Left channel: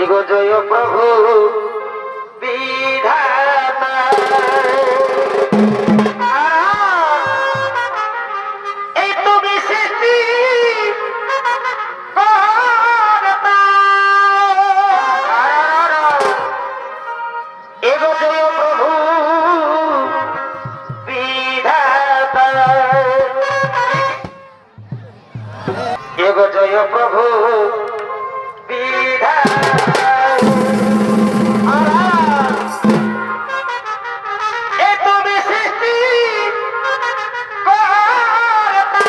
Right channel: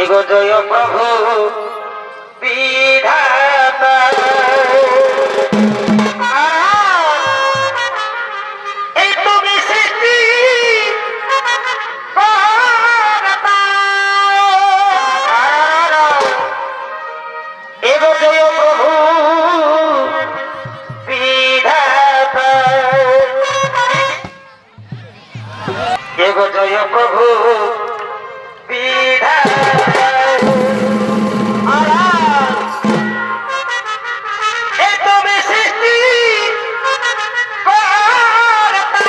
এগো জয় প্রভু বিধাতা এই তুমি সৃষ্টি কর্তা। এগো জয় প্রভু বিধাতা এগো জয় প্রভু বিধাতা এ তুমি সৃষ্টি কর্তা।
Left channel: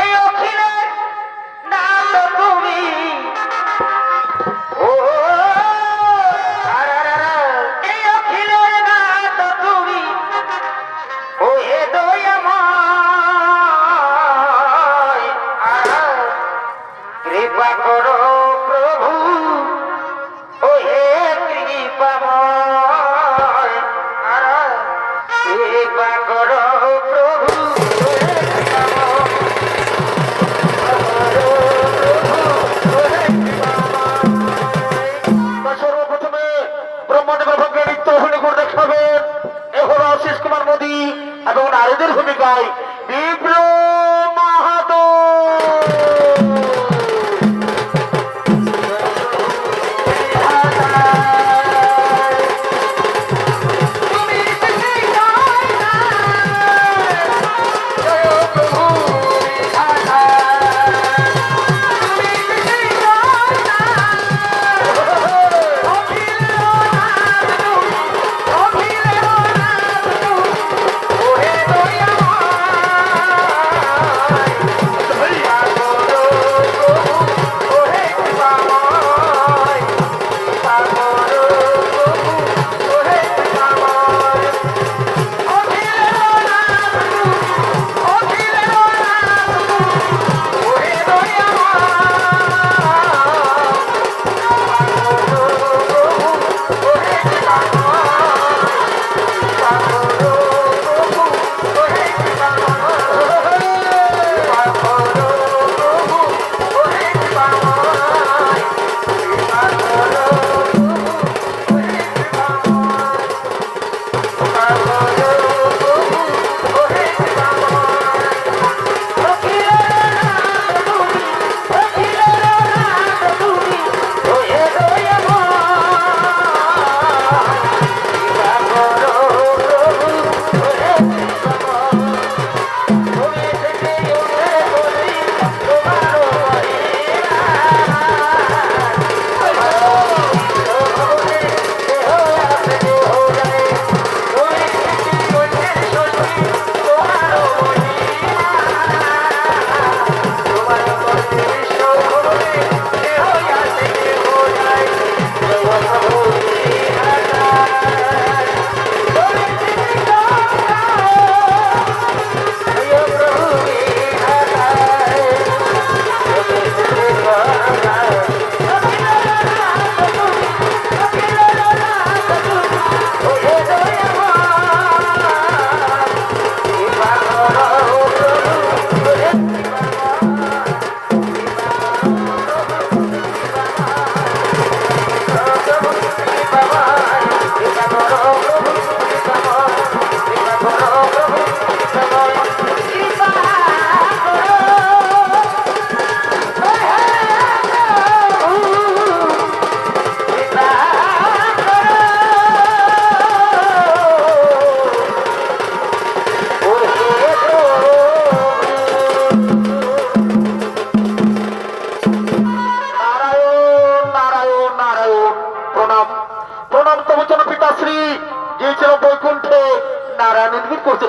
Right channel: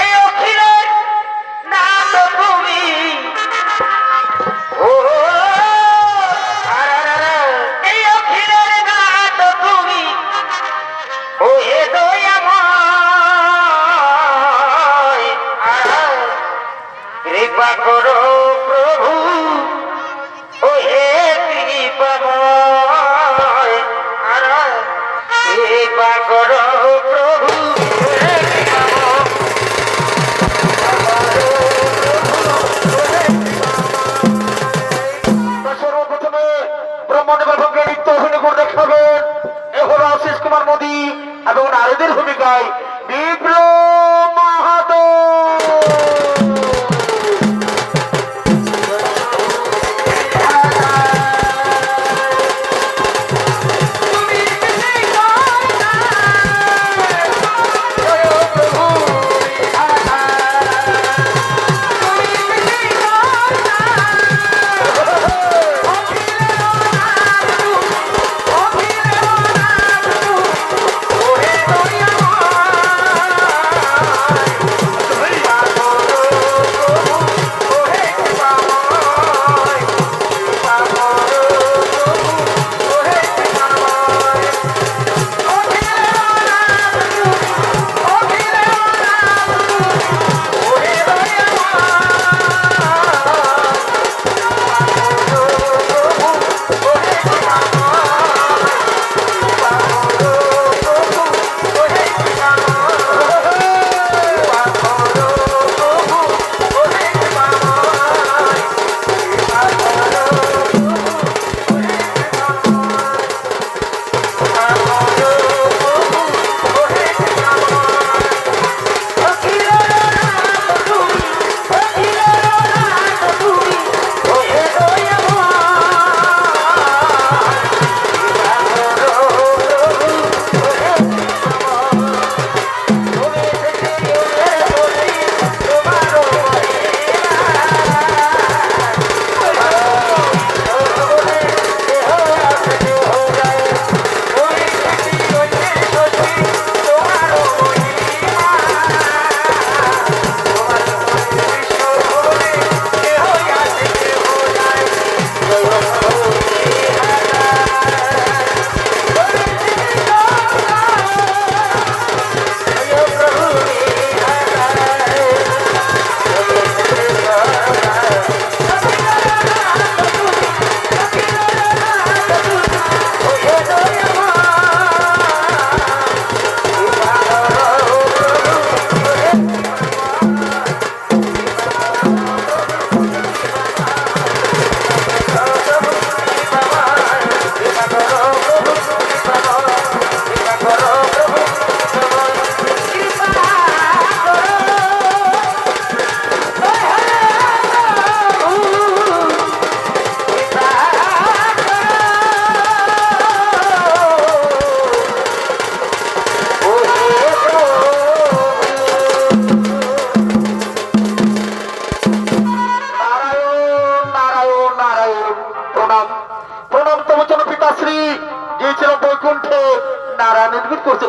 এই অখিলের নাম তুমি ও এই অখিলের নাম তুমি ও হে দয়াময় কৃপা করো প্রভু ও হে কৃপাময় কৃপা করো প্রভু ও হে কৃপাময় সর্বপ্রথমে ব্রহ্মদেবের ভঙ্গে নৃত্য অভিনয় করে দেখাবেন এ হল আশিস কুমার মোদী এবং নারীদের ভূমিকায় বিপ্লব মাহাতো।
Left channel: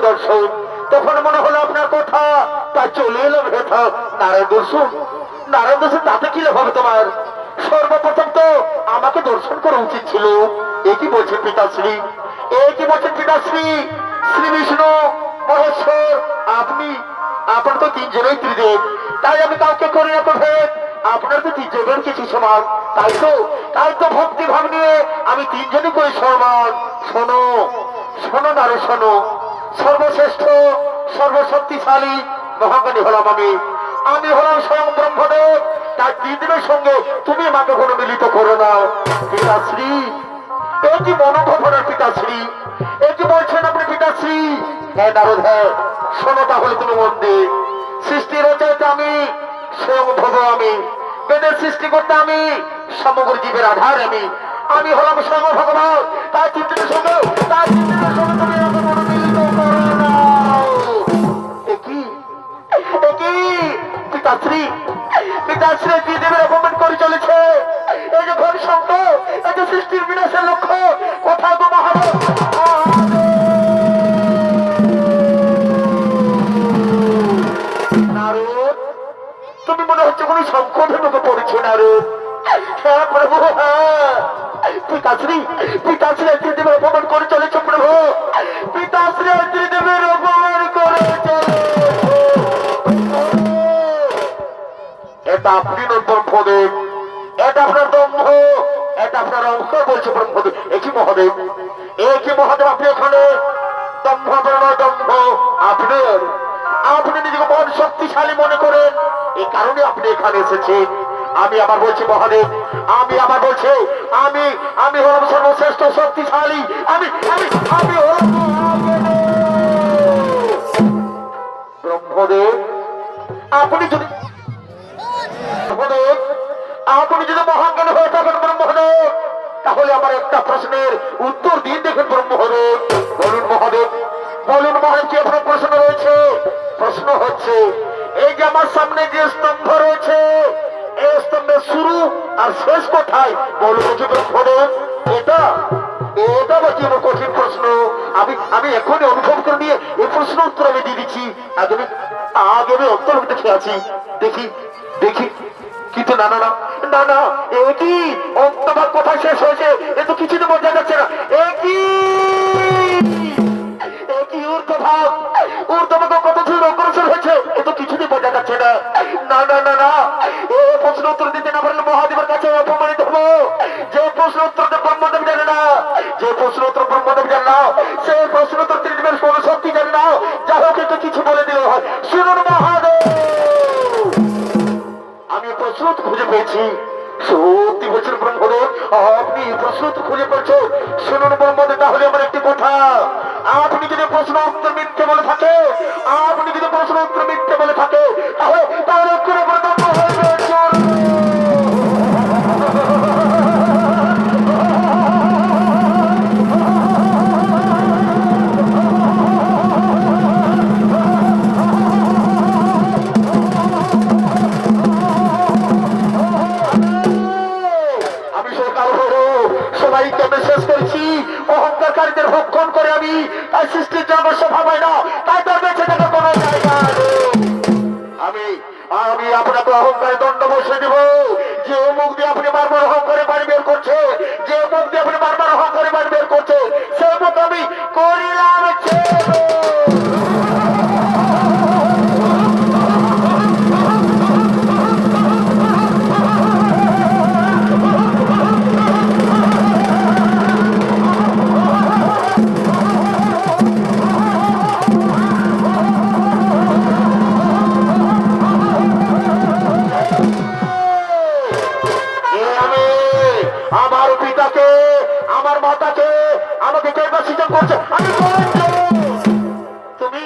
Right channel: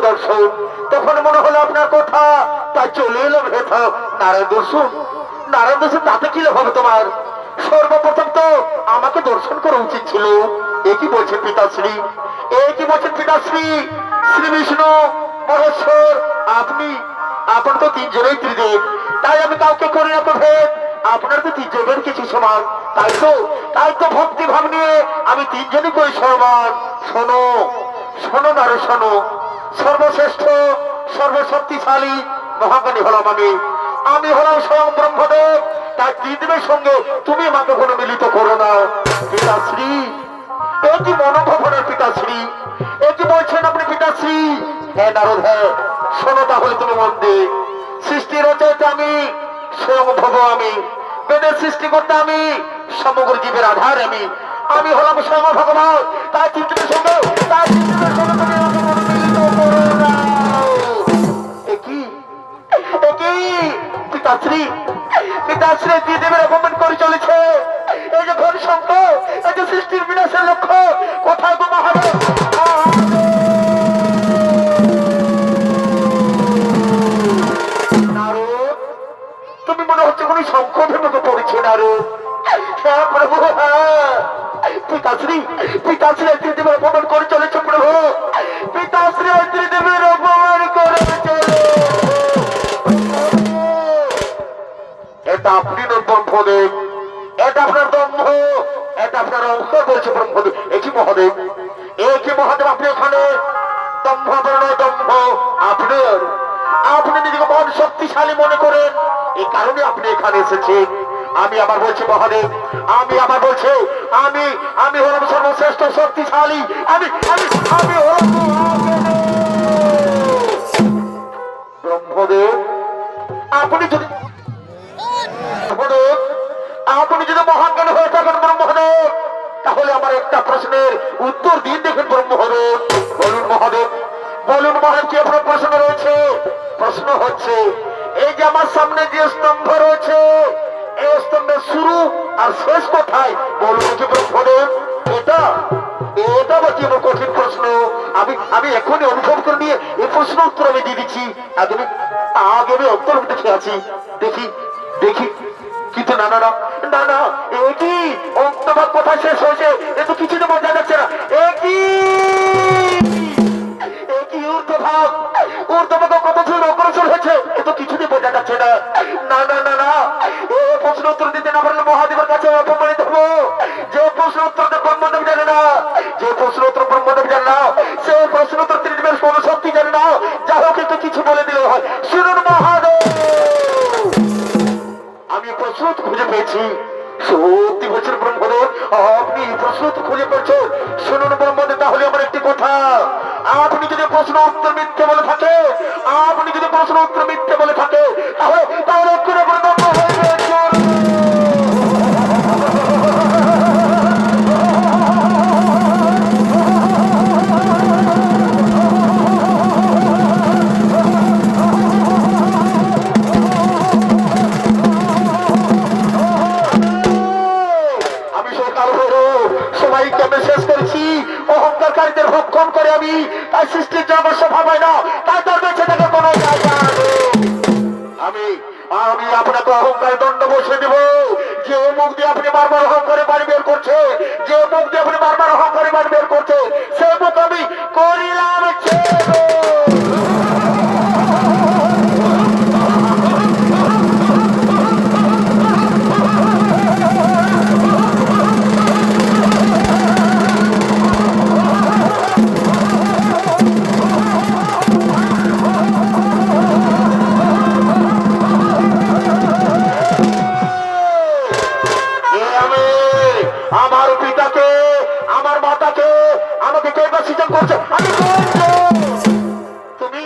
দর্শন তখন মনে হলো আপনার কথা তা চলে এলো ভেতর নারায়ণ দর্শন। নারায়ণ দর্শন তাতে কি লাভ হবে তোমার? সর্বপ্রথম তো আমাকে দর্শন করা উচিত ছিল। এ কি বলছেন পিতাশ্রী? এ কি বলছেন পিতাশ্রী? শ্রী বিষ্ণু মহেশ্বর আপনি আপনার তো তিনজনই ত্রিদেব, তাই আমি কাউকে করি না তো ভেদ। আপনার তো তিনজনের কিছু সমান, তাই তো ভক্তি ভাব নিয়ে আমি তিনজনই করি সমান। শোনো শোনো নারো শোনো, সর্বশ্রেষ্ঠ সর্বশক্তিশালী মহাজ্ঞানী হলাম আমি, আমি হলাম স্বয়ং ব্রহ্মদেব। তার ত্রিদেবের সঙ্গে তুমি আমাকে কোনো মিলিত করো না। পিতাশ্রী, এ কি মনোভাবনার পিতাশ্রী, এ কি বলছেন আপনি পিতাশ্রী? হ্যাঁ নারদ, হ্যাঁ শোনো তাহলে তুমি মন দিয়ে। সৃষ্টির রচয়িতা আমি, স্বয়ং ভব আমি, বেদের সৃষ্টি করতে আমি, সমগ্র জীবের আধার আমি, আমি হলাম স্বয়ং ভগবান। তার চিন্তিতের সঙ্গে, তার চিন্তিতের সঙ্গে তুমি আমাকে কোনো মিলিত করো না। পিতাশ্রী, পিতাশ্রী ত্রিদেবের অপমান করে চলেছে। এই যে ঘর সংখ্য, এই যে সৃষ্টির বিনাশের লক্ষ্য, কোথায় গো মহাদেব? নারদ, তুমি মনে হচ্ছে কোন সংকটের মতো পড়েছো নারদ। হ্যাঁ প্রভু, হ্যাঁ পিতাশ্রী, পিতাশ্রী ত্রিদেবের অপমান করে চলেছ প্রভু, পিতাশ্রী ত্রিদেবের অপমান করে চলেছে। এটা আপনি নন ব্রহ্মদেব, এটা আপনার দম্ভ, এটা আপনার অহংকার বলছে ব্রহ্মদেব। একই মহাদেব, একই মহাদেব আপনি এখানে দম্ভ নয়, দম্ভ আপনার। আপনি নিজেকে মন শক্তিশালী মনে করেন, এই কারণে আপনি এখানে এসেছেন। আমি আবার বলছি মহাদেব, আমি আবার বলছি, আমি আমি হলাম সর্বশ্রেষ্ঠ শক্তিশালী, আমি আমি আমি হলাম ব্রহ্মদেব। আপনি যদি আপনি যদি মহাজ্ঞান হয়ে থাকেন ব্রহ্মদেব, তাহলে আমার একটা প্রশ্নের উত্তর দিন দেখেন ব্রহ্মদেব। বলুন মহাদেব, বলুন মহাদেব, কি আপনার প্রশ্ন রয়েছে? প্রশ্ন হচ্ছে, এই যে আমার সামনে যে স্তম্ভ রয়েছে, এই স্তম্ভের শুরু আর শেষ কোথায় বলুন যে ব্রহ্মদেব? এটা এটা বা কি কঠিন প্রশ্ন? আমি আমি এখনই অনুভব করে নিয়ে এই প্রশ্ন উত্তর আমি দিয়ে দিচ্ছি। আগে আমি অন্তর দেখে আছি, দেখি দেখি, কিন্তু না না না না না, একই অন্তভাগ কোথায় শেষ হয়েছে এ তো কিছুতে বোঝা যাচ্ছে না। একই ঊর্ধ্বভাগ, ঊর্ধ্বভাগ কত দূর অগ্রসর হয়েছে এ তো কিছুতে বোঝা যাচ্ছে না। না না না না, এ প্রশ্ন উত্তর দিতে না পারলে মহাদেবের কাছে অপমানিত হবো। যে প্রশ্ন উত্তর ব্রহ্মদেব জানে না, যে প্রশ্ন উত্তর ব্রহ্মদেব জানে না, সে প্রশ্ন উত্তর ত্রিদেবের কোনো শক্তি জানে না। যা হোক একটু কিছু বলে দিলে হয়। শুনুন মহাদেব, আমি প্রশ্ন খুঁজে পেয়েছি। সত্যি বলছেন ব্রহ্মদেব, আপনি প্রশ্ন খুঁজে পেয়েছেন। শুনুন ব্রহ্মদেব, তাহলে আমার একটি কথা, আপনি যদি প্রশ্ন উত্তর মিথ্যে বলে থাকে, আপনি যদি প্রশ্ন উত্তর মিথ্যে বলে থাকে, তাহলে তাহলে সবাইকে আমি শেষ করেছি। অহংকারীদের ভক্ষণ করে আমি, তাই সৃষ্টির জন্য স্বভাব হয় না, তাই তার বেঁচে থাকার কোনো জায়গা নেই। আমি আমি আপনাকে অহংকারে দণ্ড বসে দেব। যে মুখ দিয়ে আপনি বারবার অহংকারে বাড়ি বের করছে, যে মুখ দিয়ে আপনি বারবার অহংকারে বাড়ি বের করছে, সে মুখ আমি করিলাম ছেদ। আমার পিতাকে, আমার মাতাকে আমাকে কে সৃজন করছে? আমি তুমি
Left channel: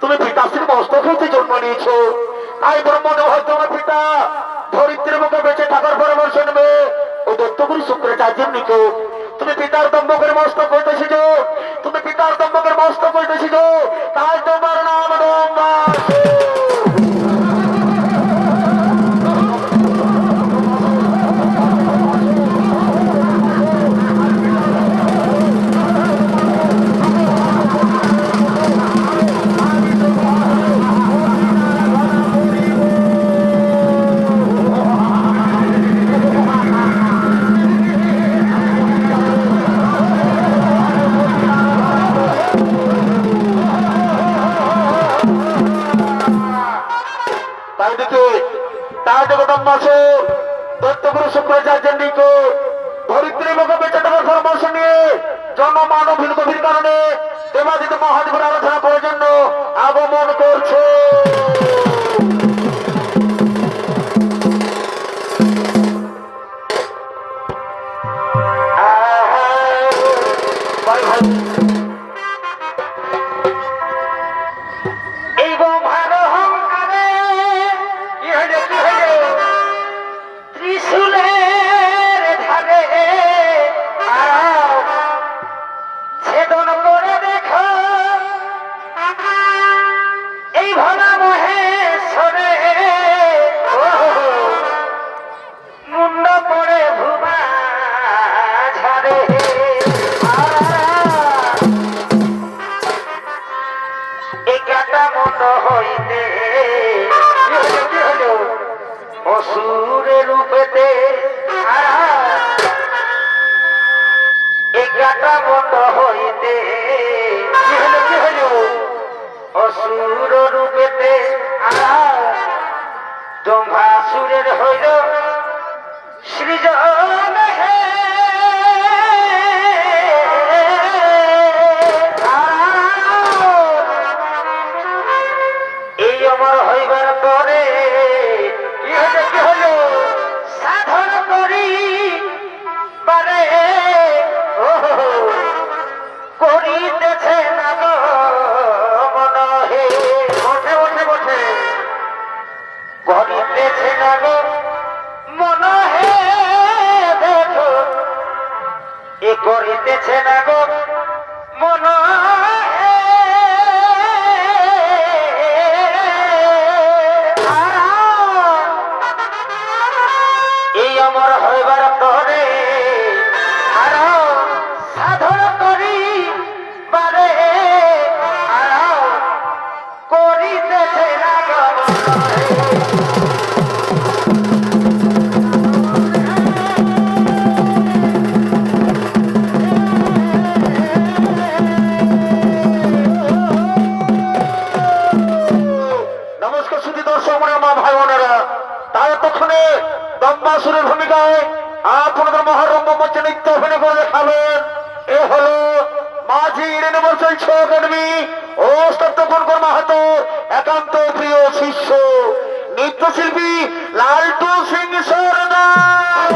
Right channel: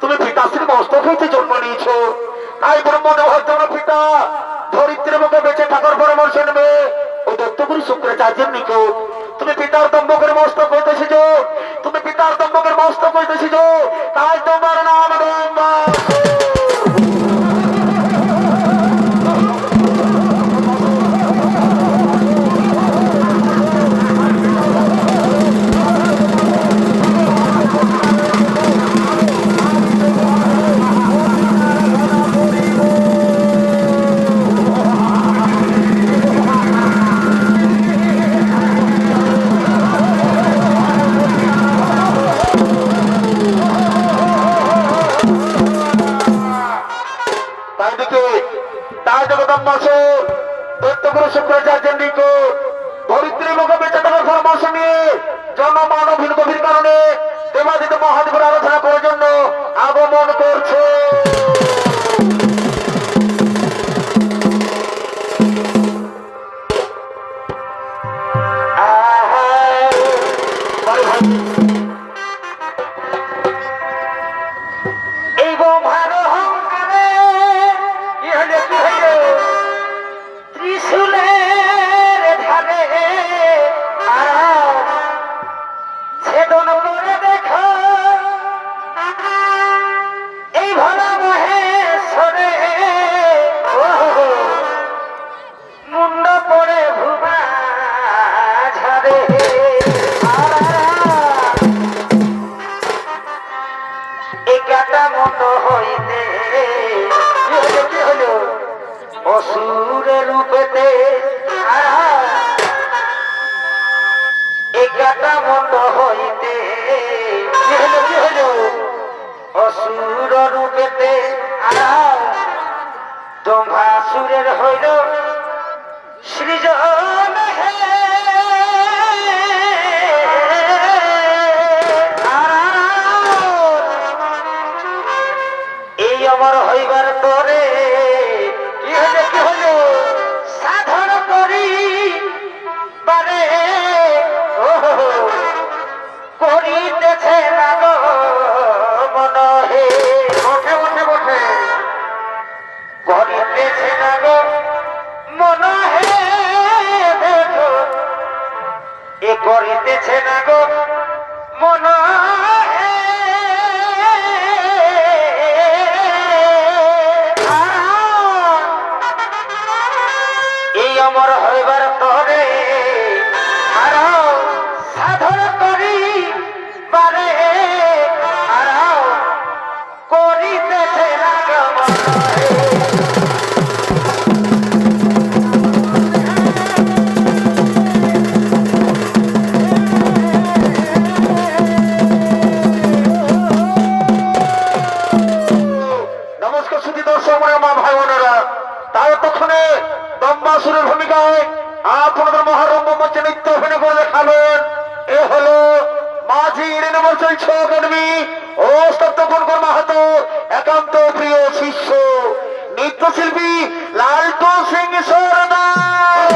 তুমি পিতাশ্রী মস্তক হইতে জন্ম নিয়েছো, তাই ব্রহ্মদেব হয়তো আমার পিতা ধরিত্রীর মুখে বেঁচে থাকার পরামর্শ নেবে ওই দত্তগুরু শুক্রাচার্যের নিকট। তুমি পিতার দম্ভকের মস্তক হইতেছিল, তুমি পিতার দম্ভকের মস্তক হইতেছিল, তাই তোমার নাম দম্বা। দত্তগুরু শুক্রাচার্যের নিকট ধরিত্রী মুখে বেঁচে থাকার পরামর্শ নিয়ে জনমানবহীন গভীর কারণে দেবাদিত মহাদেবের আলোচনা করার জন্য আগমন করছে। ভোলা মহেশ্বরে মুন্ড পরে ভুমা ঝাড়ে একাটা মতো হইতে কি হলো অসুরের রূপেতে একাটা মতো হইতে কি হলো অসুর রূপেতে দম্ভাসুরের হইল সৃজন হে এই আমার হইবার তরে কি হলো সাধন করি বারে করিতেছে না গো মন হে ওঠে ওঠে ওঠে করিতেছে না গো মন হে দেখো এ করিতেছে না গো মন হে এই আমার হইবার তরে সাধন করি বারে করিতেছে না গো নমস্কার সুধী দর্শক মা ভাই বোনেরা, তাই এতক্ষণে দম্বাসুরের ভূমিকায় আপনাদের মহারম্য মঞ্চে নৃত্য অভিনয় করে দেখাবেন। এ হলো মাঝি ইউনিভার্সাল ছৌ একাডেমি ও সত্যপনকর মাহাতো একান্ত প্রিয় শিষ্য নৃত্যশিল্পী লালটু সিং সরদার।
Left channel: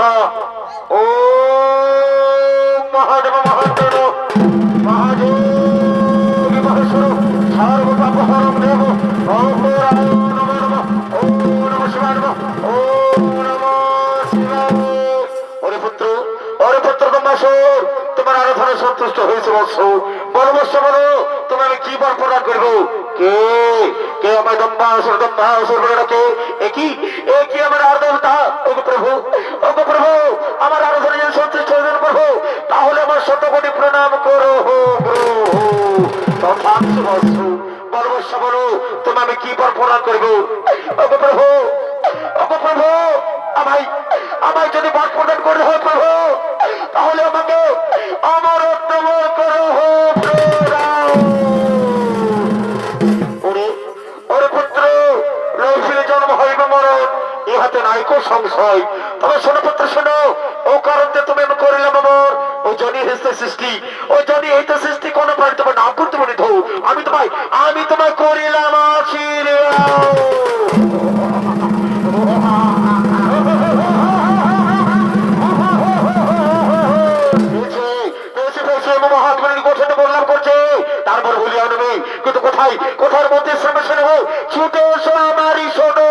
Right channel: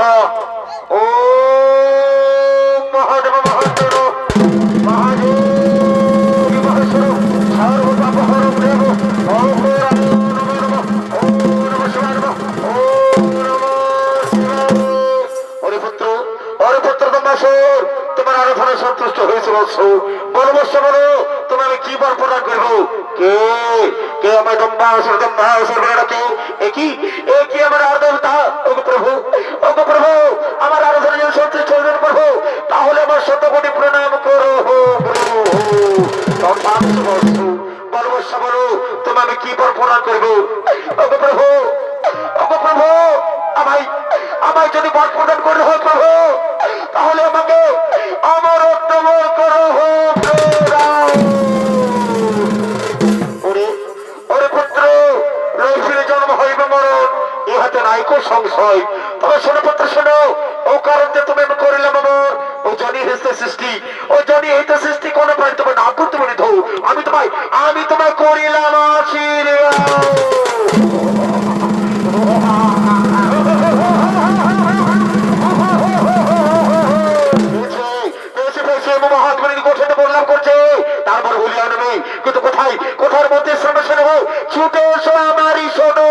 স্বাহা ও মহাদেব মহাদেব মহাদেব মহেশ্বর সর্বপাপহরং দেব অপরায় নমো নমঃ ওম নমঃ শিবায় নমঃ ওম নমঃ শিবায়। ওরে পুত্র দম্বাসুর, তোমার আরাধনা সন্তুষ্ট হয়েছে বৎস। বলো বৎস, বলো তুমি আমি কি বর প্রদান করবো? কে কে আমার দম্বাসুর বলে ডাকে? এ কি আমার আর দেবতা? ওগো প্রভু, ওগো প্রভু, আমার আরাধনা যদি সন্তুষ্ট হয়ে প্রভু, তাহলে আমার শতকোটি প্রণাম করো প্রভু। তথাস্তু বৎস। বলো বৎস, বলো তুমি আমি কি বর প্রদান করবো? ওগো প্রভু, ওগো প্রভু, আমায় আমায় যদি বর প্রদান করে হয় প্রভু, তাহলে আমাকে আমার অর্থবর করো ওরে পুত্র, রসিলে জন্ম হইবে মরণ, ইহাতে নাইকো সংশয়। তবে শোনো পুত্র, শোনো, ও কারণ যে তুমি আমি করিলাম আমার ও জনি হইতে সৃষ্টি, ও জনি হইতে সৃষ্টি কোনো প্রাণী তোমার না করতে বলি ধৌ আমি তোমায় করিলাম আশীর্বাদ। তারপর বলিয়া নেবে, কিন্তু কোথায় কোথার মধ্যে শোনো শোনো ছুটে এসো আমারই শোনো।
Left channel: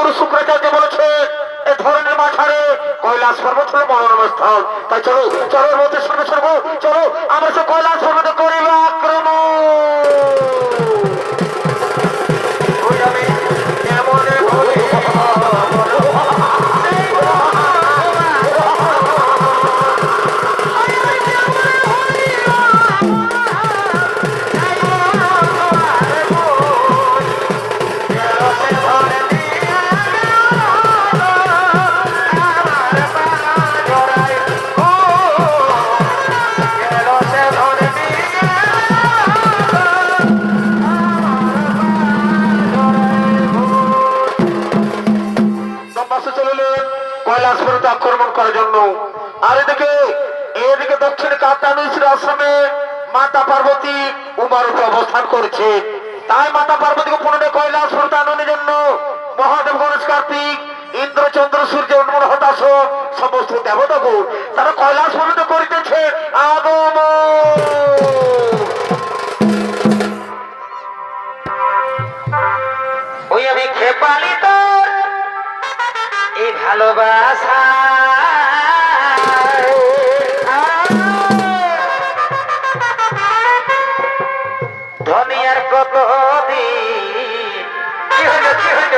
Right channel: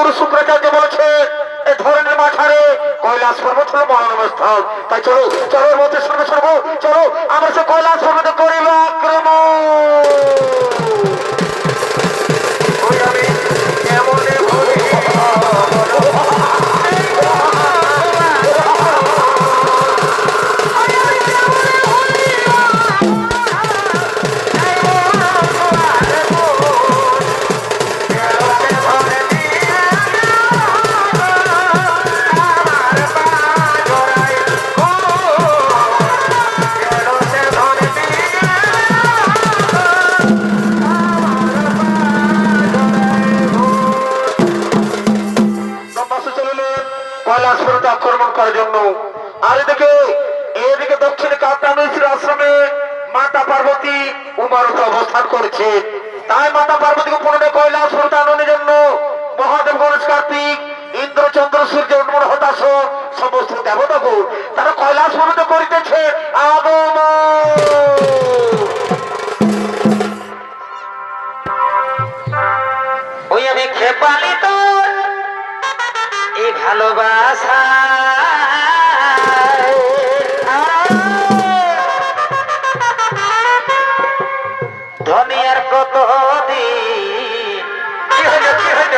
গুরু শুক্রাচার্য বলেছে এ ধরনের মাথারে কৈলাস পর্বত হলো মনোরম স্থল। তাই চলো চলো ওর মধ্যে সঙ্গে সরবো, চলো আমরা সে কৈলাস পর্বতে করিব আক্রমণ। ওই আমি কেমন ভোলে কৈলাস পর্বতে আক্রমণ করার জন্য। আর এদিকে দক্ষিণে কাত্যায়নীর আশ্রমে মাতা পার্বতী উমারতে অবস্থান করেছে। তাই মাতা পার্বতীকে পুনরায় কৈলাস পর্বতে আনন্দের জন্য মহাদেব গণেশ কার্তিক ইন্দ্র চন্দ্র সূর্য উন্মোল হতাশ সমস্ত দেবতাগুণ তারা কৈলাস পর্বতে করিতেছে আগমন। ওই আমি খেপালি তো এই ভালোবাসা ধনিয়ার কত দিন কি হইল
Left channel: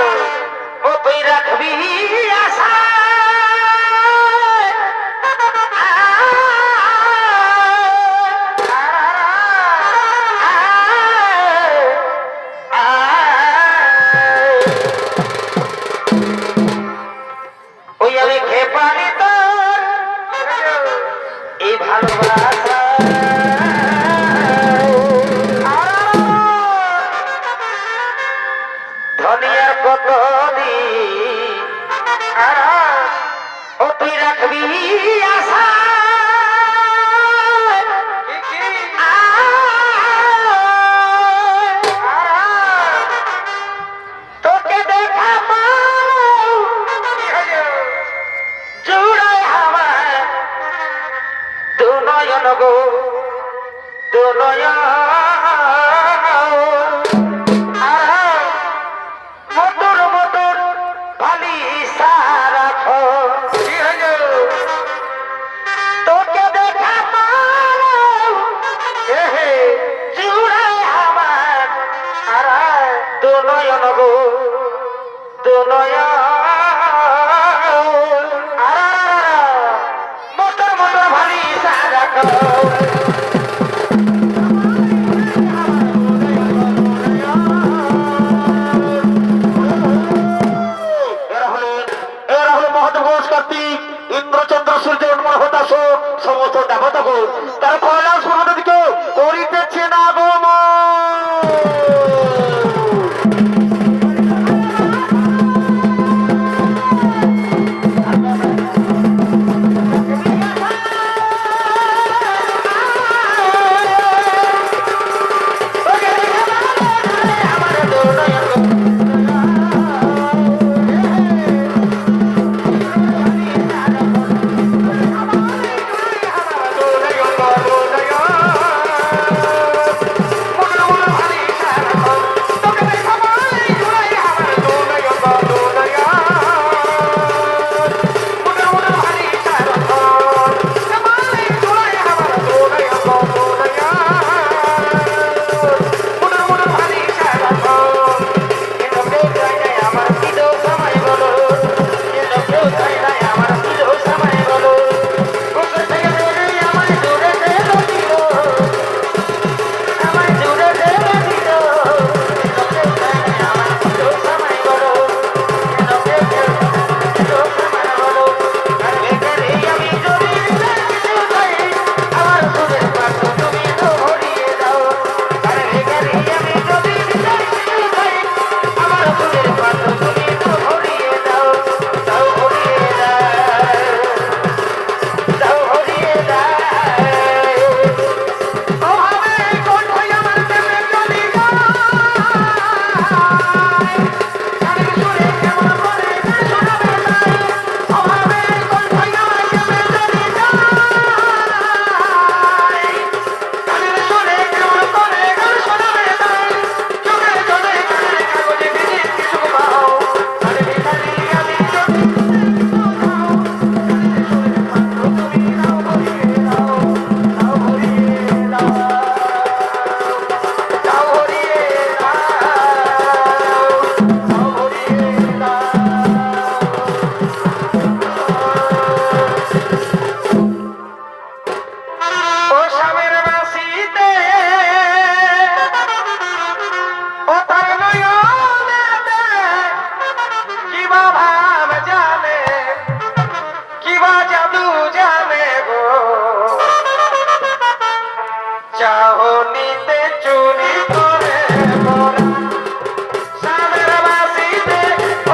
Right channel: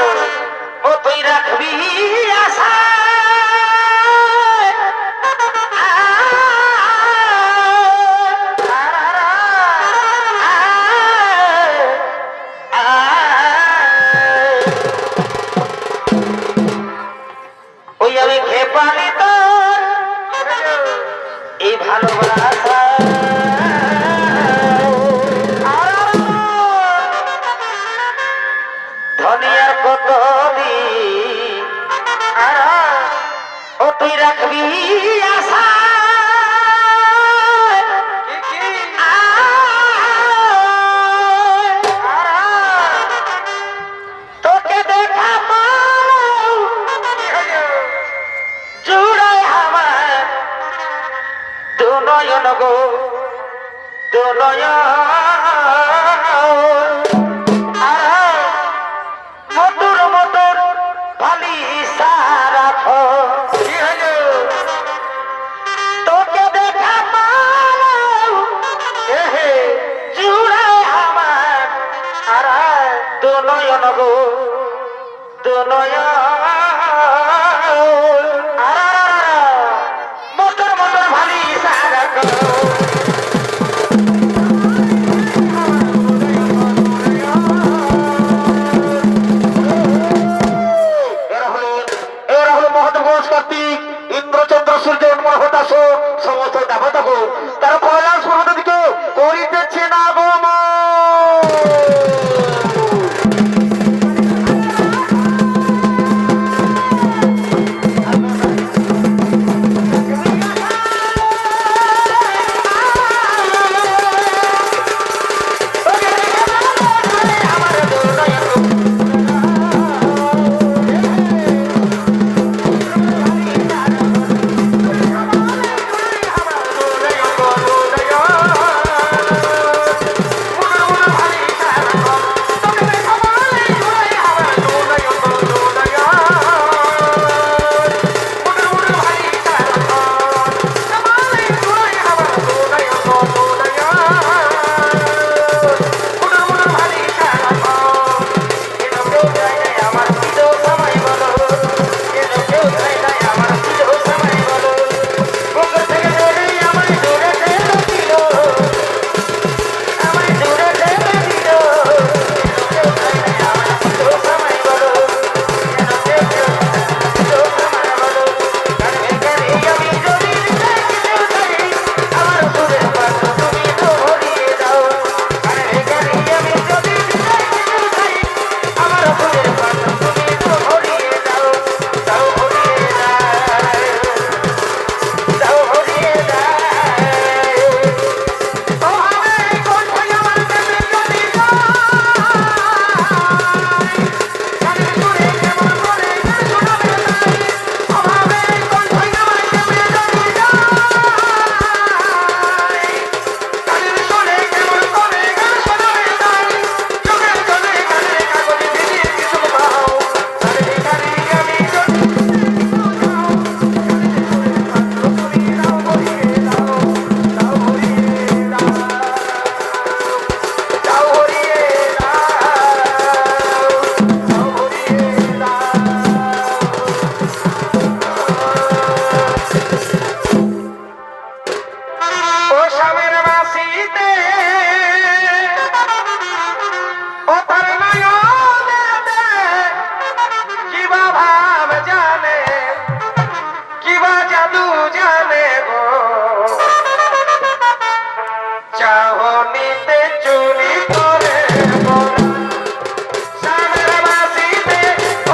ও তুই রাখবি আশা ওই আমি খেপালি তো এই ভালোবাসা ধনিয়ার কত দিন ও তুই রাখবি আশা তোকে দেখা জুড়ায় আমার দুনয়ন গো দুনয়ন মোটর মোটর ভালি রাখো তোকে দেখা জুড়ায় আমার দুনয়ন গো দুনয়ন মোটর মোটর ভালি রাখো এরা হলো মহাদেব গণেশ কার্তিক ইন্দ্র চন্দ্র সূর্য উন্মোল হতাশ সমস্ত দেবতাগুণ তারা কৈলাস পর্বতের দিকে করিতেছে আগমন। চাহনিতে চুরি করে মোরা সামের বাসিতে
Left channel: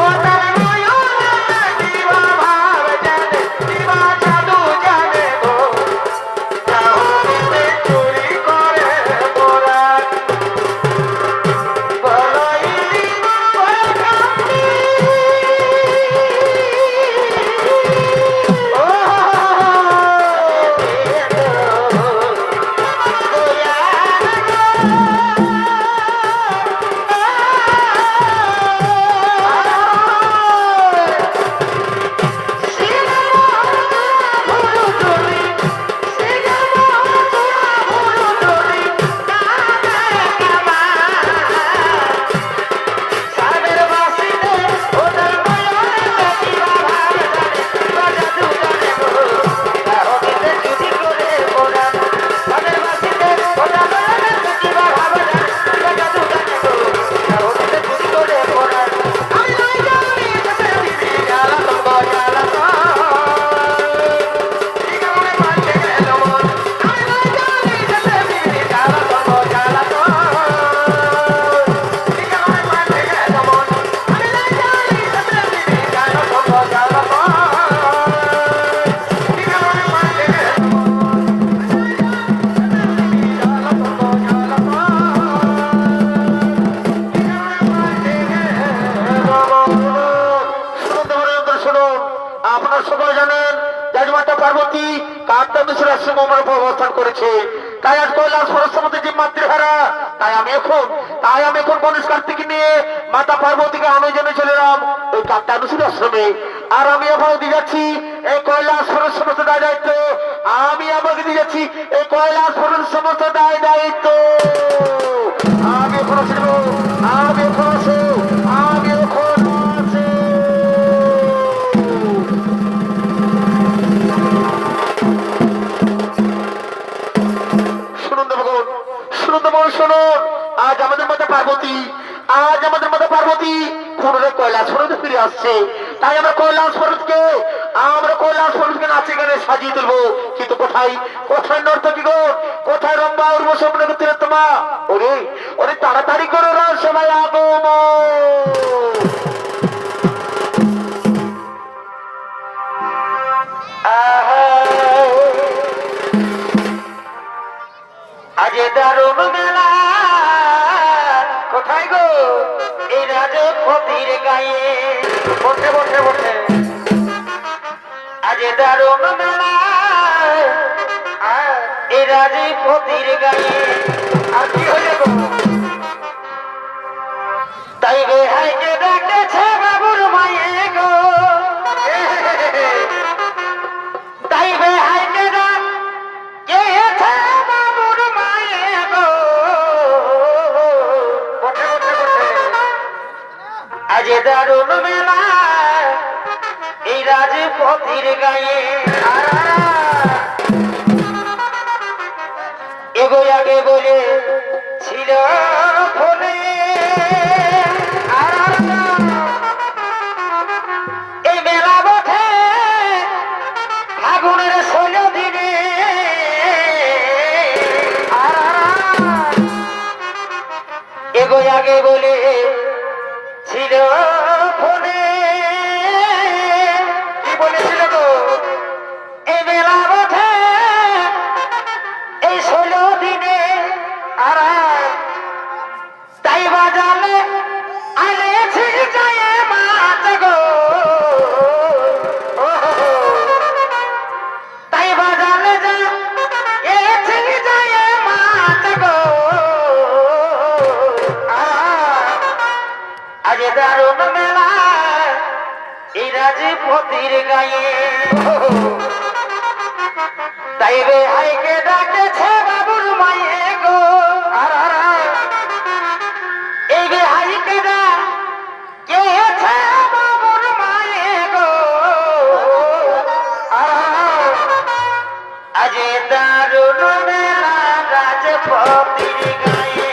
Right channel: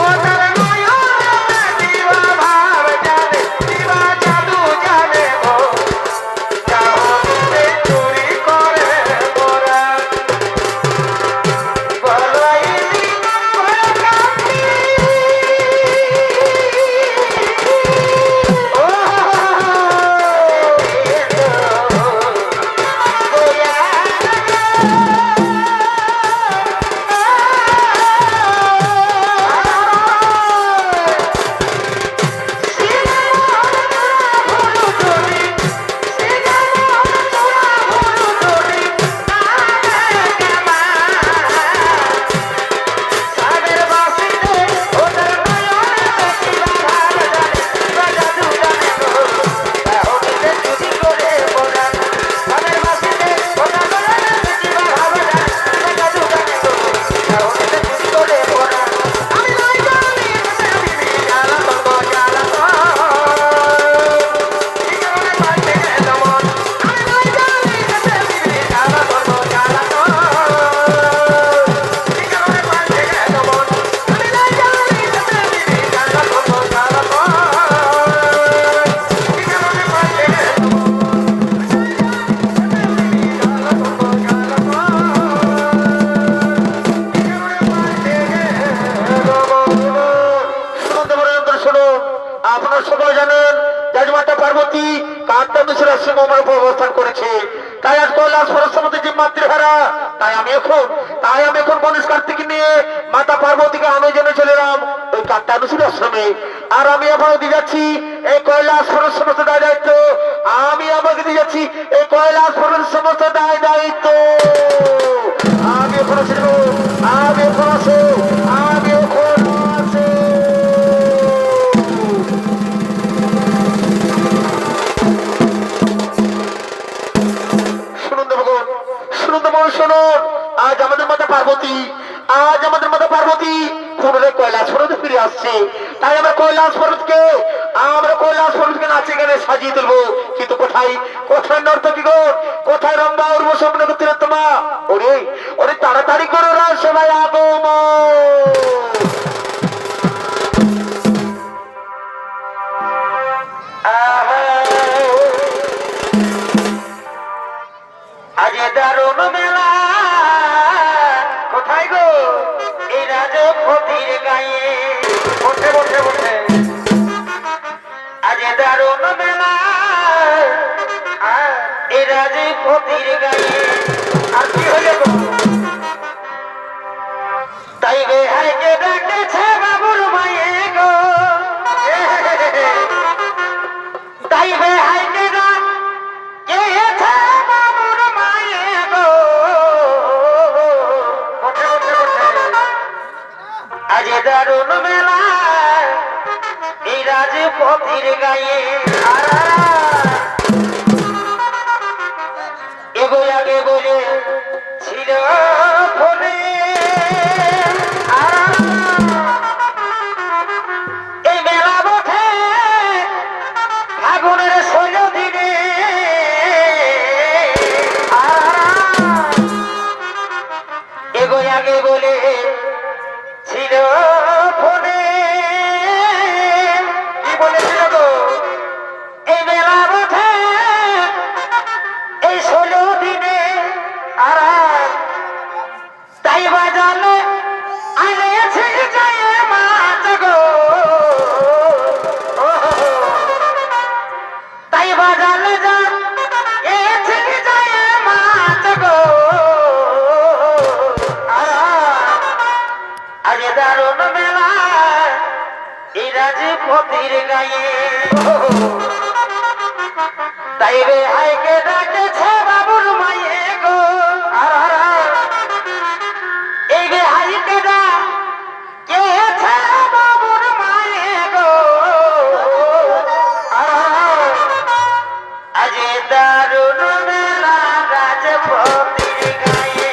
ও তার নয়নে দিবা ভাব জানে দিবা জাদু জানে গো চাহনিতে চুরি করে মোরা বলাইলি বলাকান্তি ও আপনারা সকলে জানেন রাজমাতা পার্বতী কার্তা দোষের আশ্রম আমার উপর অবস্থান করেছে, তাই আজ কৈলাস সরস্বতী যে মাতৃহারা, তাই আমি এখন গণেশ কার্তিক নিয়ে মাতা পার্বতীকে আমি জেনে চলে এলাম ওই কার্তা দোষের আশ্রমে। আর আমি আপনাকে দিয়ে যাচ্ছি এই কৈলাস সমস্ত দায় দায়িত্ব, আমি আমাকে দিয়ে যাচ্ছি এই কৈলাস সমস্ত দায় দায়িত্ব। আমি এখন ছিল আমি এখন আছো আমি এখন আছি। শুনুন, আজ আমাদের মাতা পার্বতী পুনরায় কৈলাস পর্বতে ফিরে আসছে, তাই আমরা কৈলাস পর্বতকে নাচে গানে সাজিয়ে তুলবো। কিন্তু কোথায় নর্তকী গো, কোথায় রম্বা উর্বশী তিলোত্তমা? ওরে তাড়াতাড়ি করো রাজসভায় আগমন। আজ দারুণ মেলা কোথায় গো এই রাজপতির গায়ে বসে বসে বসে আজ দারুণ মেলা এই রাজপতির গায়ে আর কি হলে গো তাই গে হাইকে ডাকেছে বাবুর মায়ে গো তাই গে হাইকে ডাকেছে বাবুর মায়ে গো আজ দারুণ মেলা এই রাজপতির গায়ে এগোয় আগে বলে ছিল ফলে এই মেলা বটে ফাগুনের 16 দিনে এগোয় আগে বলে ছিল ফলে কি বলেছিল গো এই মেলা বটে এই 16 দিনে আর তাই বাজালে আইলেছি যায় মাছ গো তাই বাজালে যা এছি যায় মাছ গো আজ দারুণ মেলা এই রাজপতির গায়ে তাই রে হাইকে ডাকেছে বাবুর মায়ে গো এই গে হাইকে ডাকেছে বাবুর মায়ে গো আজ দারুণ মেলা রাজপতির গায়ে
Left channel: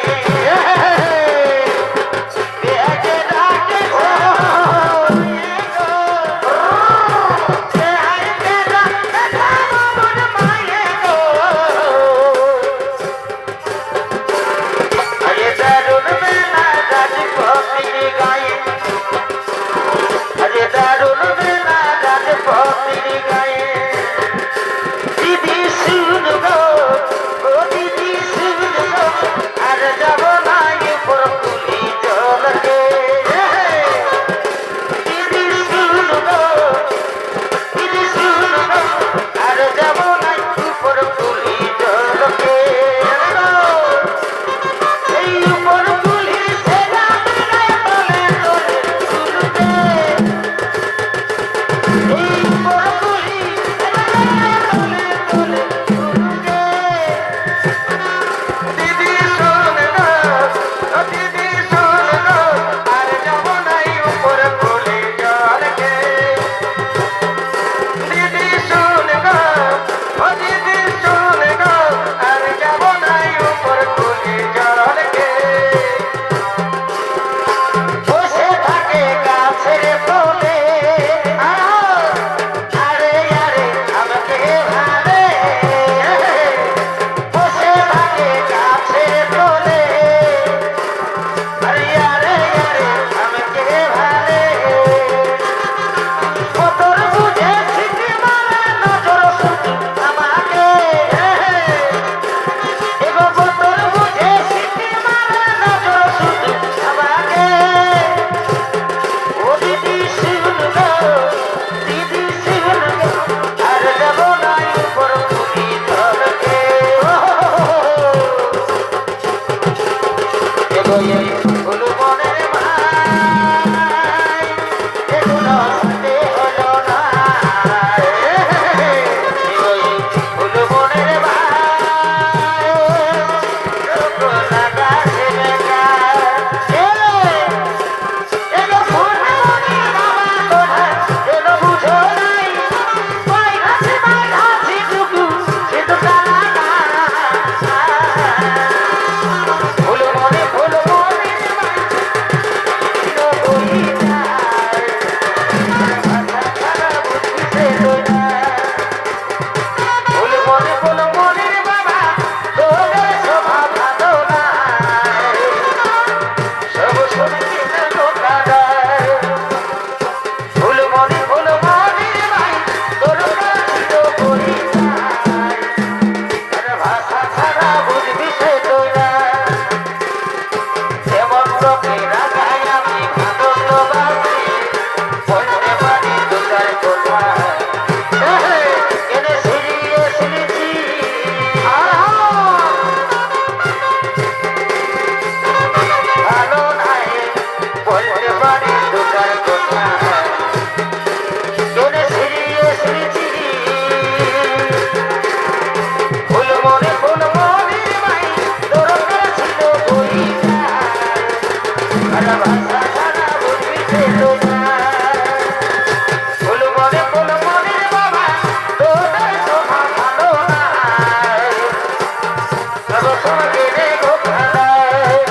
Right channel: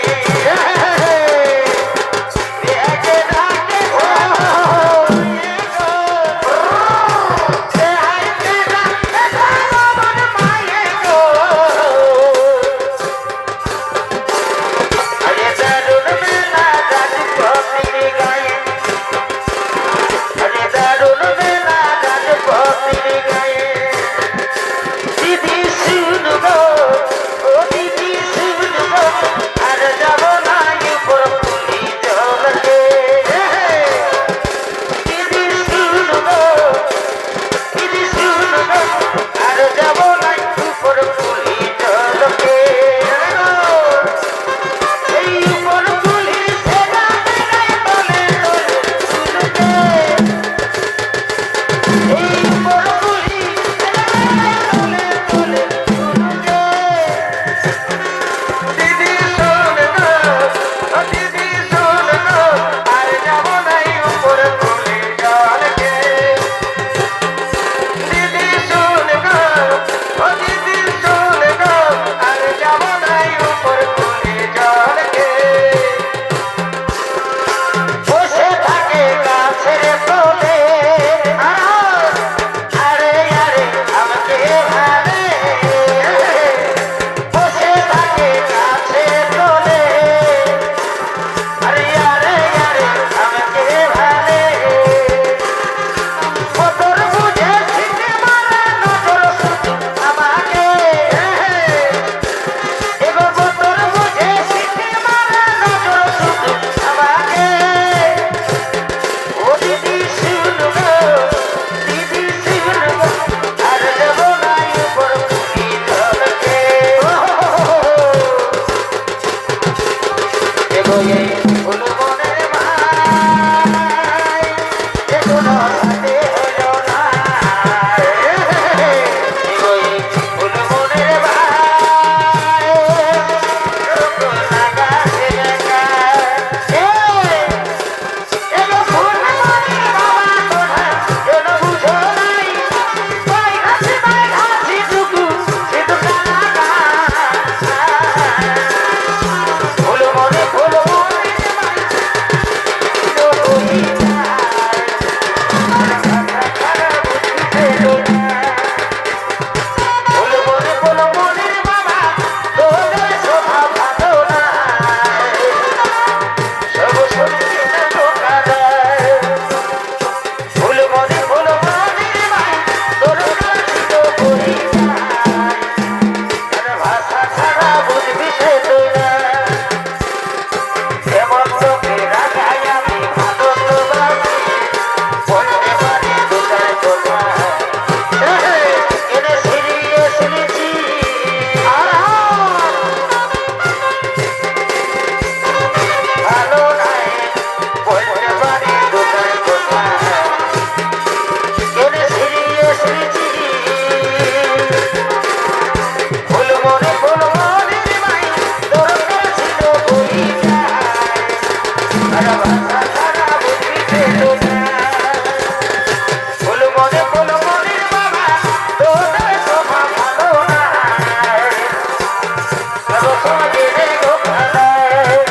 প্রথম গেলে ধোকা দেয়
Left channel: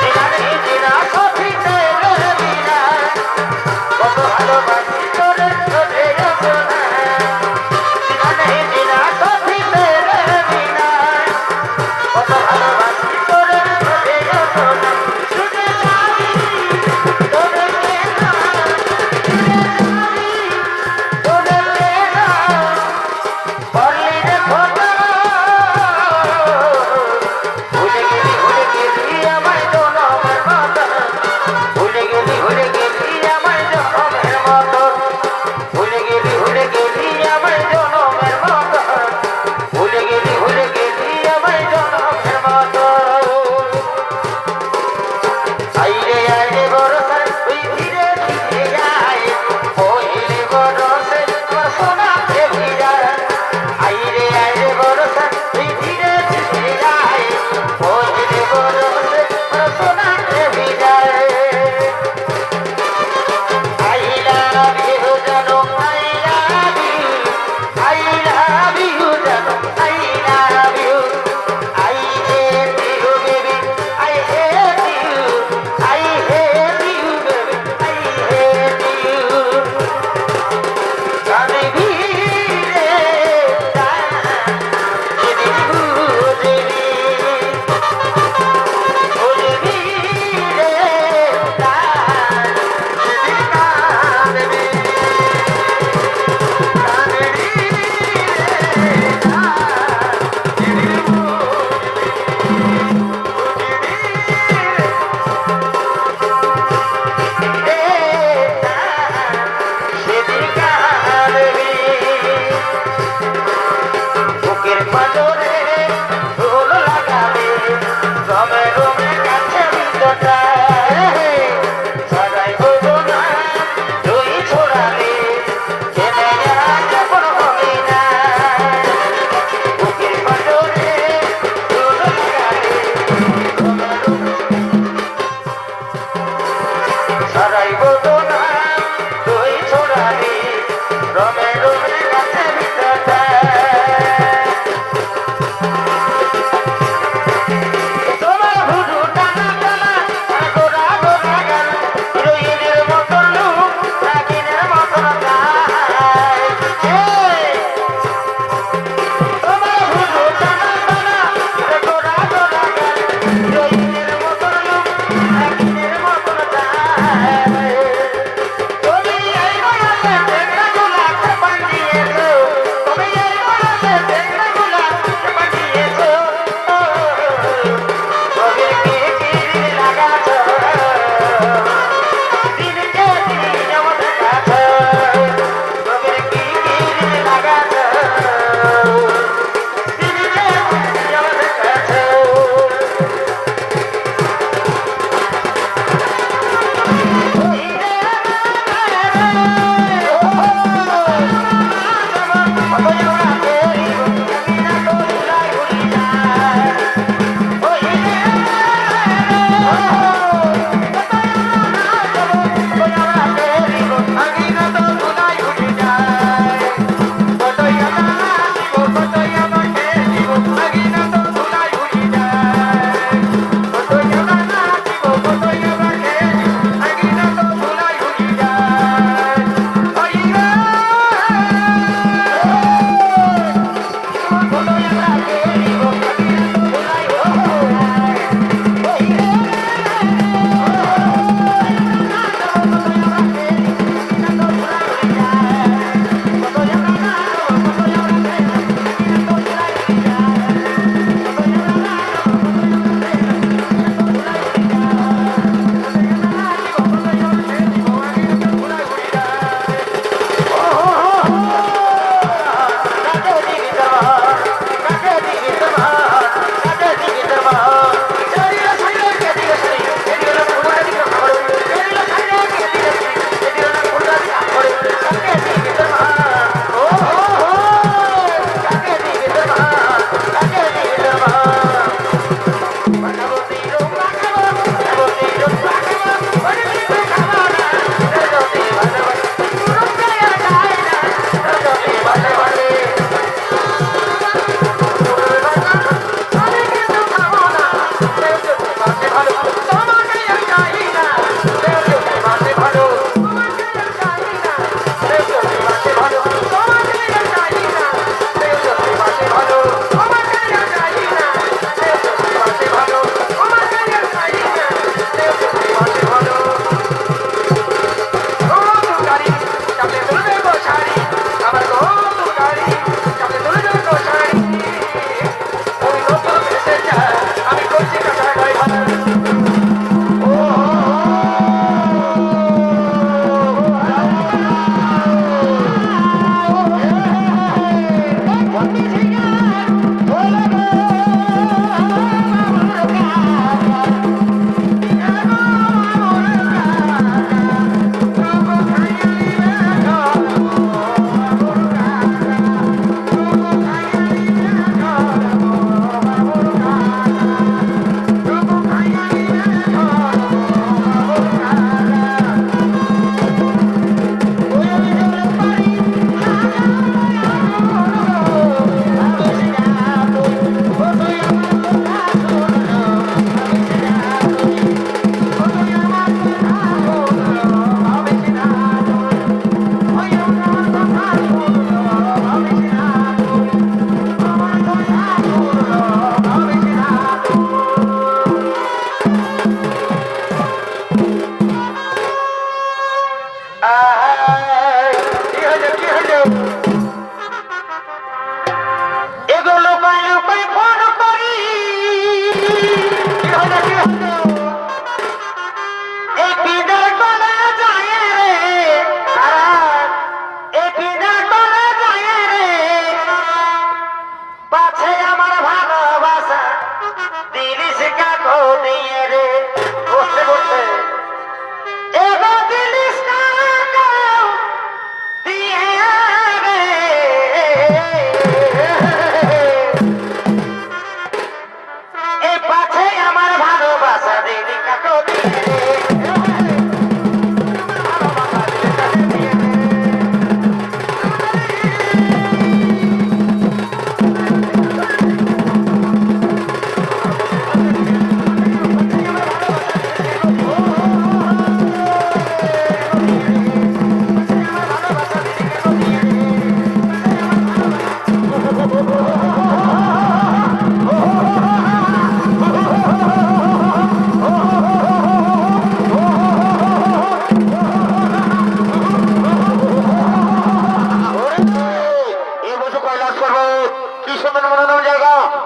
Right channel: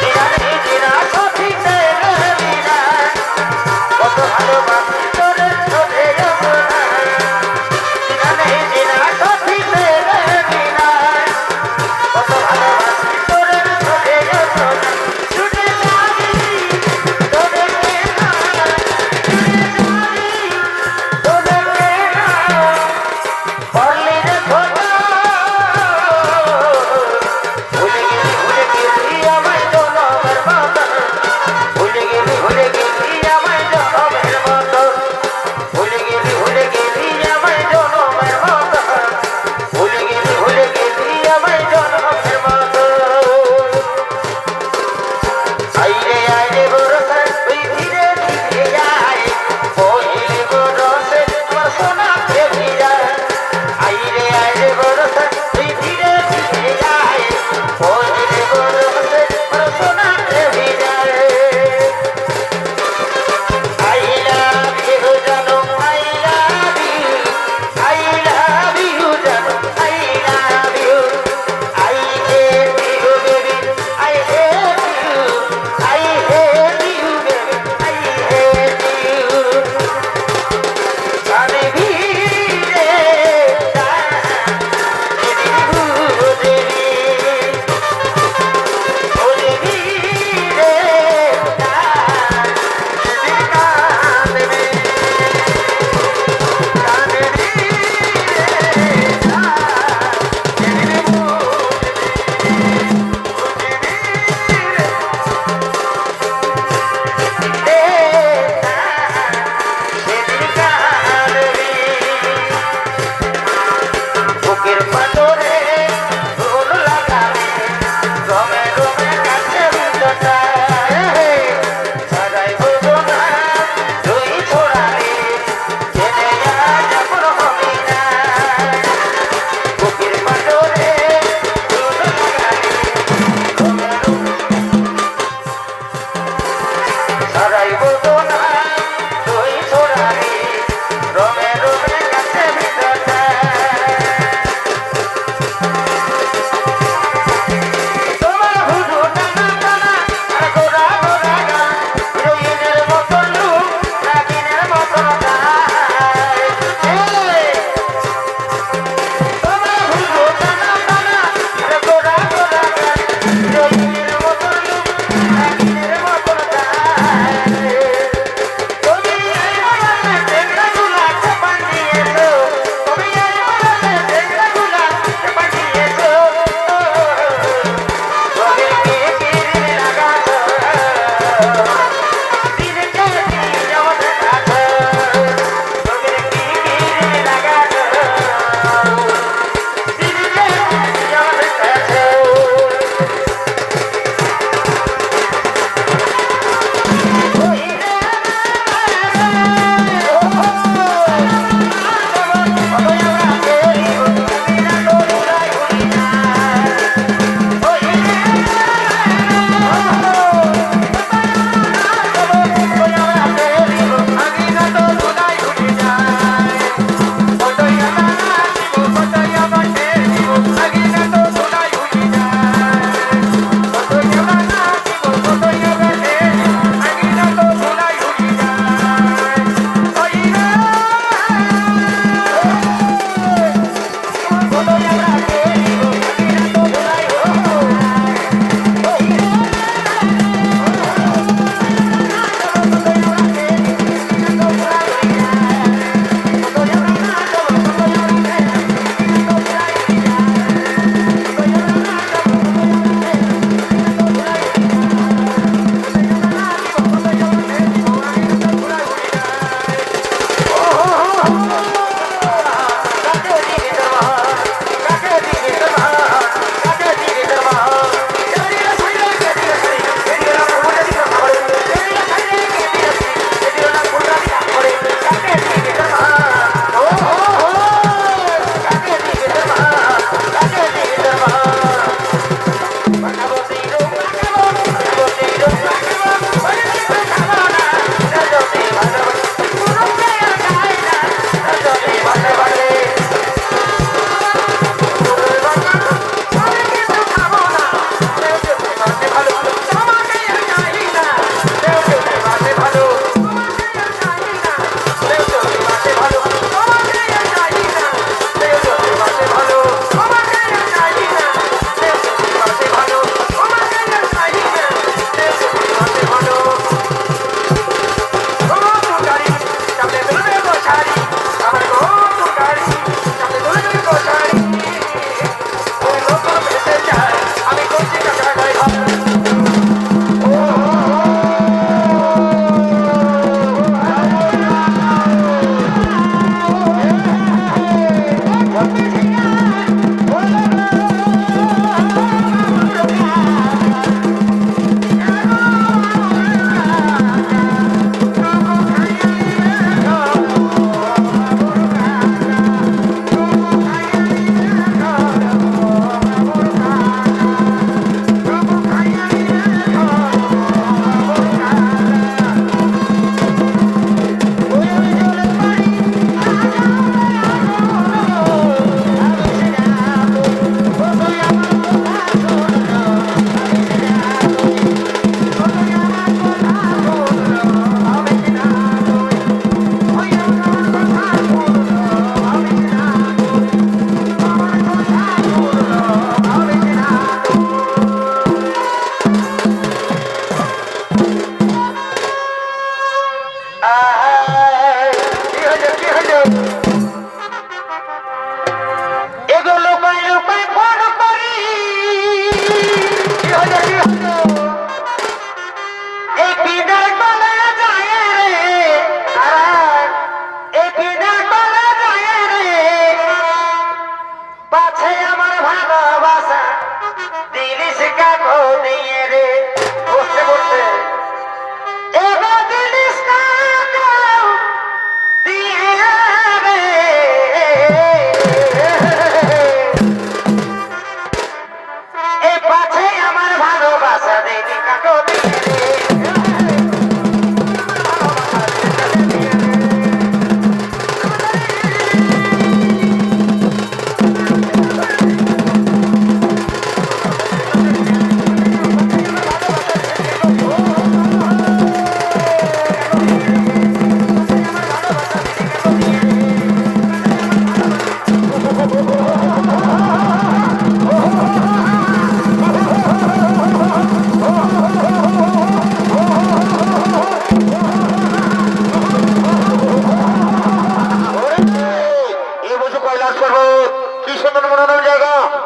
দিনারে দিনা কথিতে বিনা কত ভালোবাসি তোরে চলে যাব না দিনারে দিনা কথিতে বিনা কত ভালোবাসি তোরে চলে যাব না ছুটে যাবি তোরে কেনা ছুটে যাবি তোরে কেনা পড়লি রে খোদা ভুলে গেলি আমায় জনমের মতো ভুলে গেলি আমায় জনমের মতো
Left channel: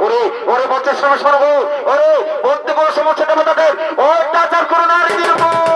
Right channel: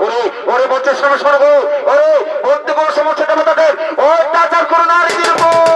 ওরে ওরে বলতে সময় শোনবো ওরে বলতে কোনো সমস্যা দেবো তাদের অত্যাচার করো নারীদের উপর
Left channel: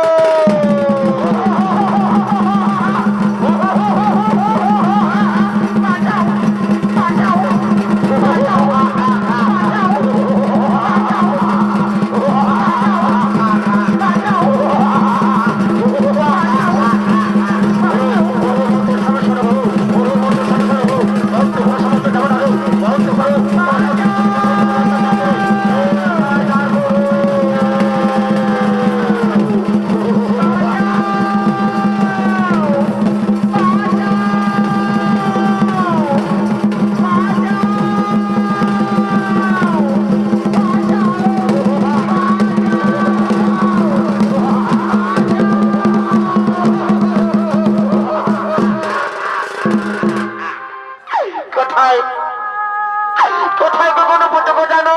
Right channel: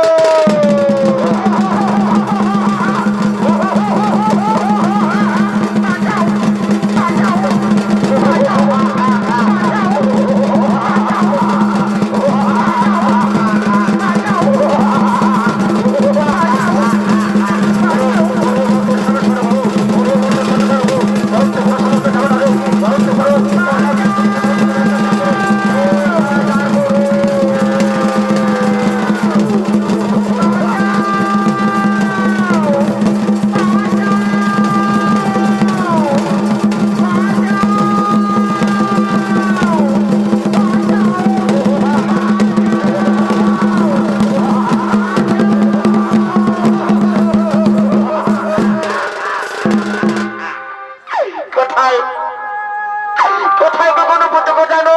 কোথায় কোথায় কখনো পুজো জানো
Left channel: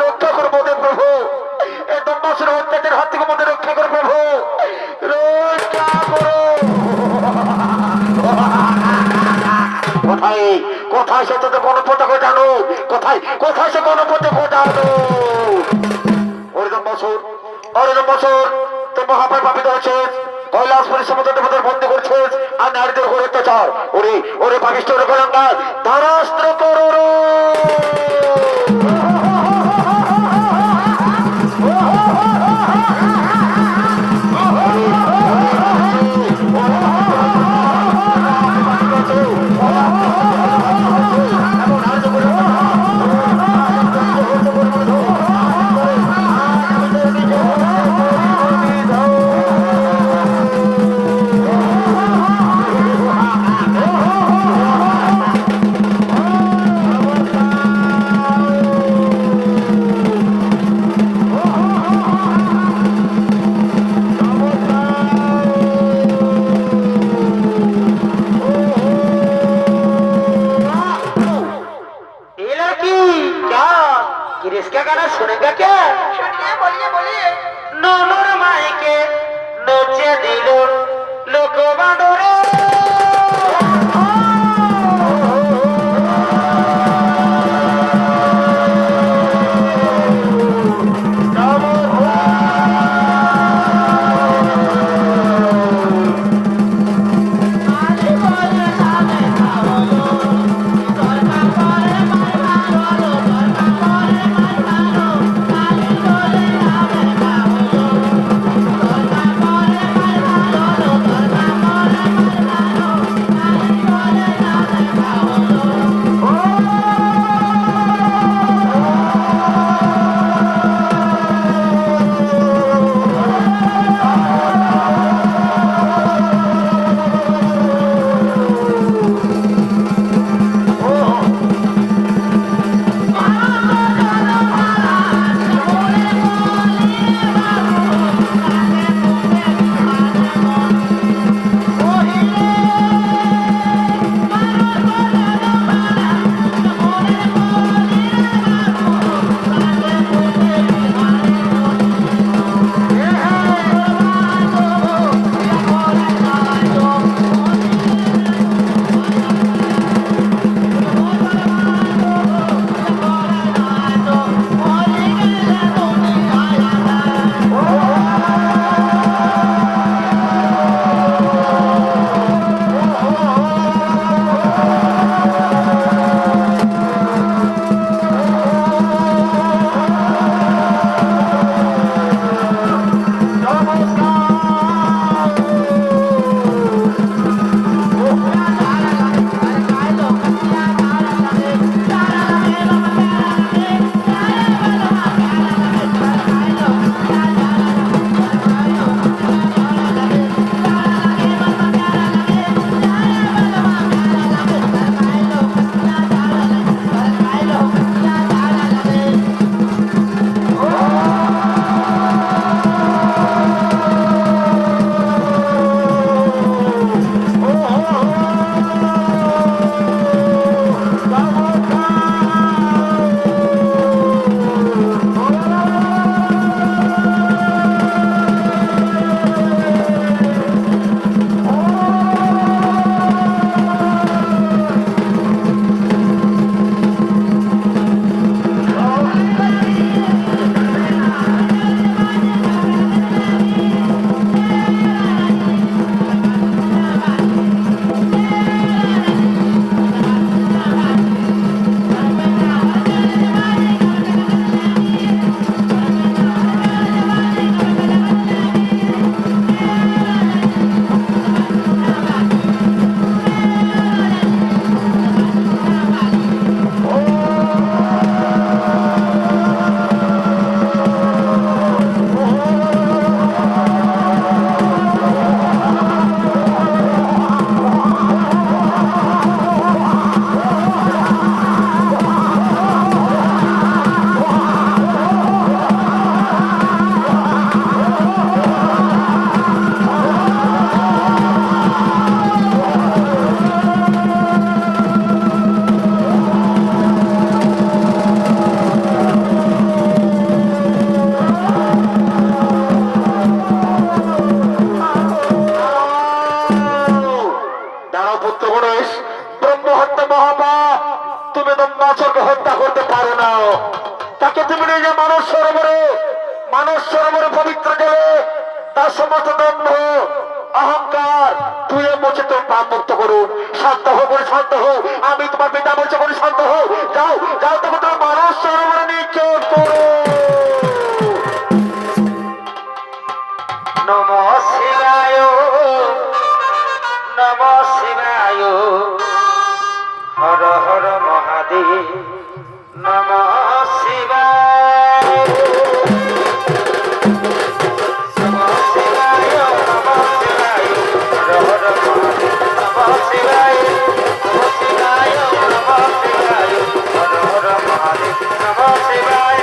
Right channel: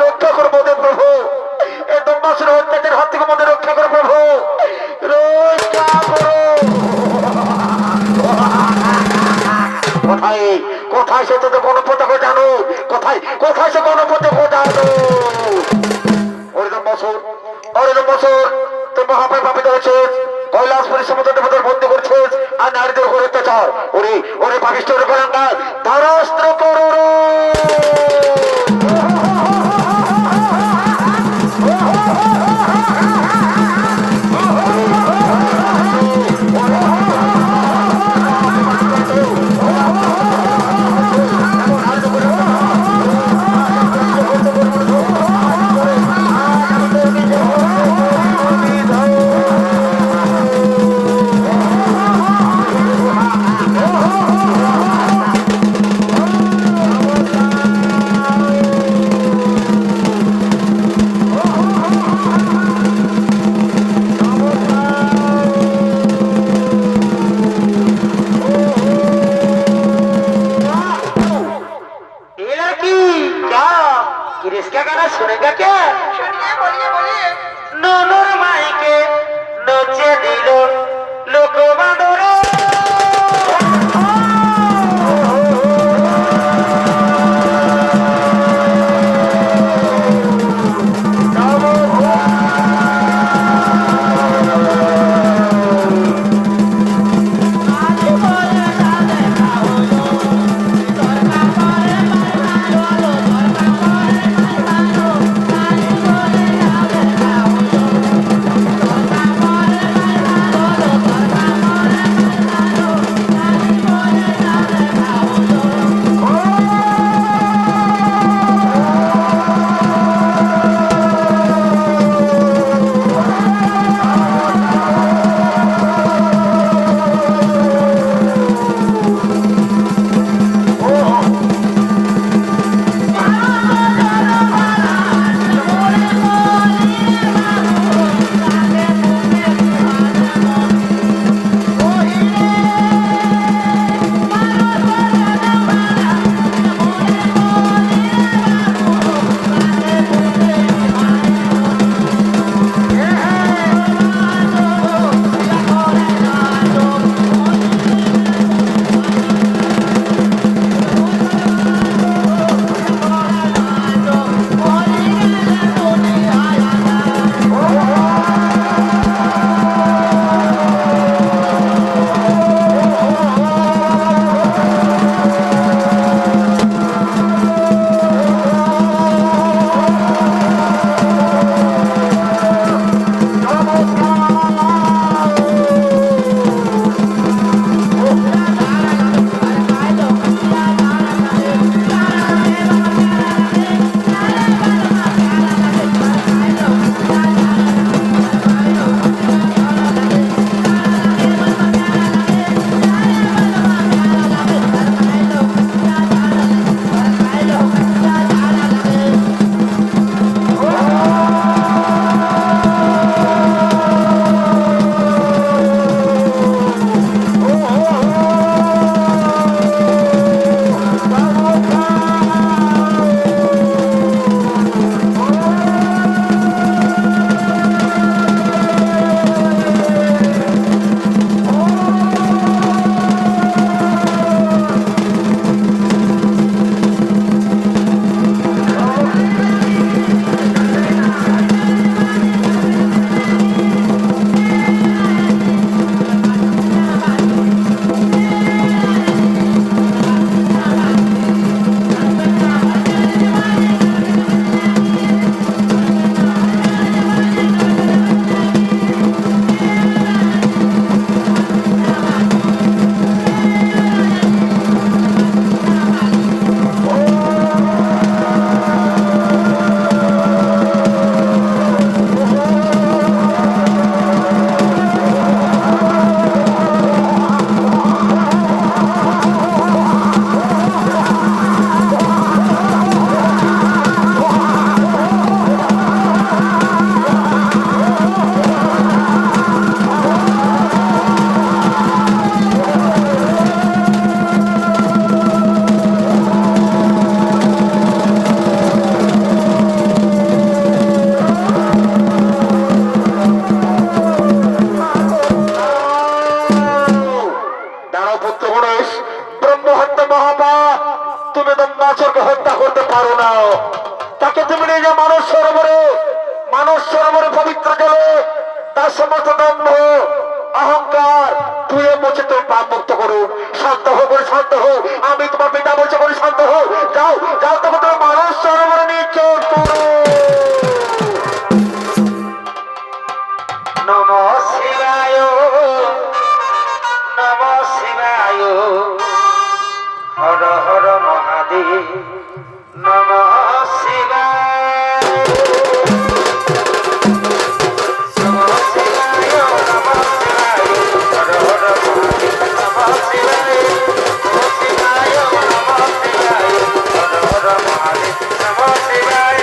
রক্ষা করবো ওদের প্রভু এই দম্বাসুর অত্যাচার হাত থেকে মধ্যে রক্ষা করো প্রভু রক্ষা করো কোথায় কোথায় সে তোদের গণপতাকা জানো কোথায় কোথায় সে গণপতাকা জানো ওরে দম্বাসুর তোর মহাপায় পাপিত হচ্ছে কৈলাসপুরী সমুদ্র দেবতার বন্দী করছিস আর নারীদের উপর অত্যাচার ওরে ওরে পাপিষ্ঠ ওরে গোলাঙ্গার ধারাস্ত্র করো किसका गाना सुनेगा क्या सुनिए बोलिए बोलिए नूनुर माई के नोचे दिलो लोको बांधोरे তাকে তুমি নিয়ে যে মানস সরোবরে পবিত্র জলে তার সমস্ত দম্ভ অহংকার তুই মুছে তুমি পাপ মুক্ত করো। শান্ত হো বলে শান্ত হো, আমি তোমার পিতা বলছে বলে শান্ত হো। যাও যাও, তবে তুমি মানস সরোবরে নিয়ে চোখ করো। নম শিবায় নম শিবায়, হর হর মহাদেব নম শিবায়। নম শিবায় নম শিবায়, হর হর মহাদেব নম শিবায়। নম শিবায় নম শিবায়, হর হর মহাদেব নম শিবায়।